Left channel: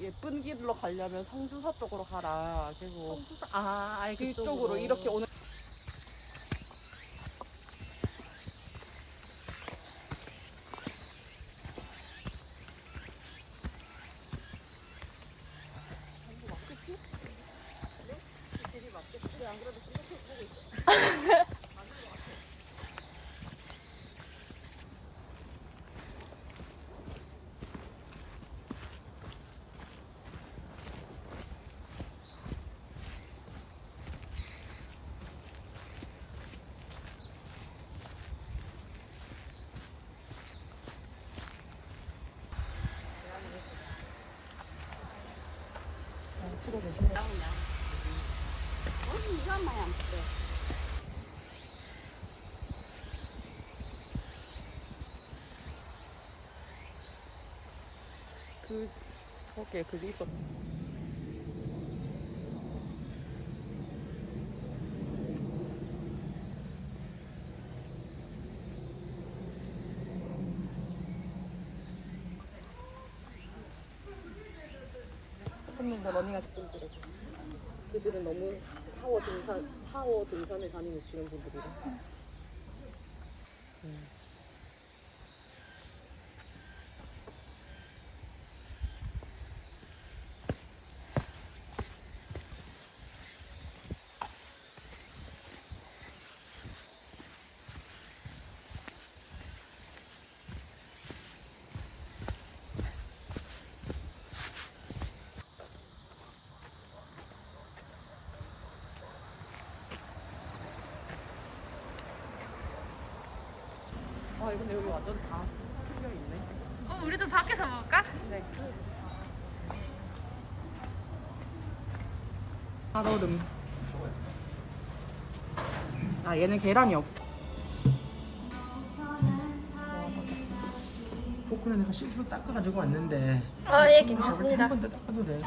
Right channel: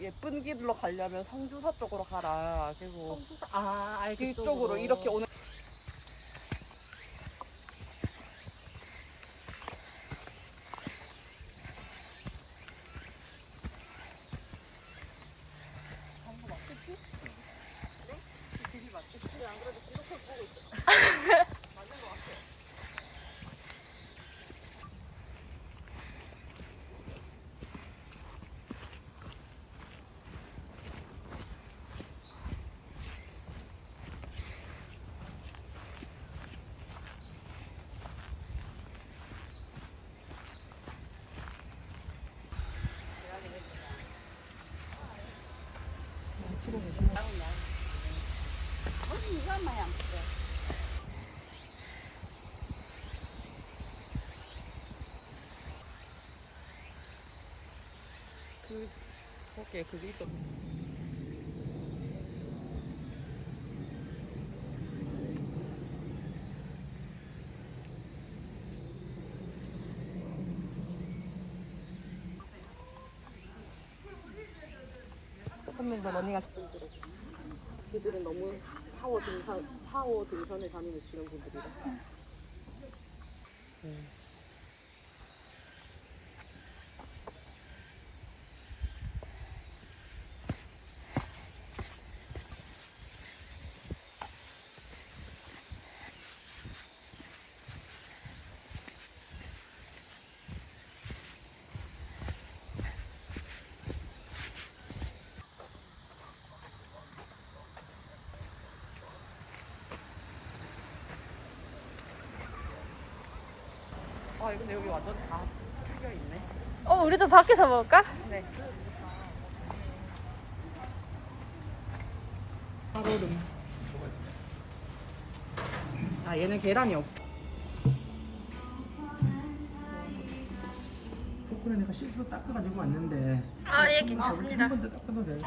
예쁜 길로 가려면 성주서 쪽으로 가라. 그리고 아이 그쪽으로 이렇게 오는. 오케이, 그게 있어. 그들은 너무 파워 등산에 다니시는 분들이라. 근데 여기 완전 다. 우리도 밖에서 먹을까? 가로등. 아, 얘는 계란이 없고. 포크는 내가 실수로 닦아가지고 왔는데 예, 괜찮습니다. 한 번 더 닦아도 돼.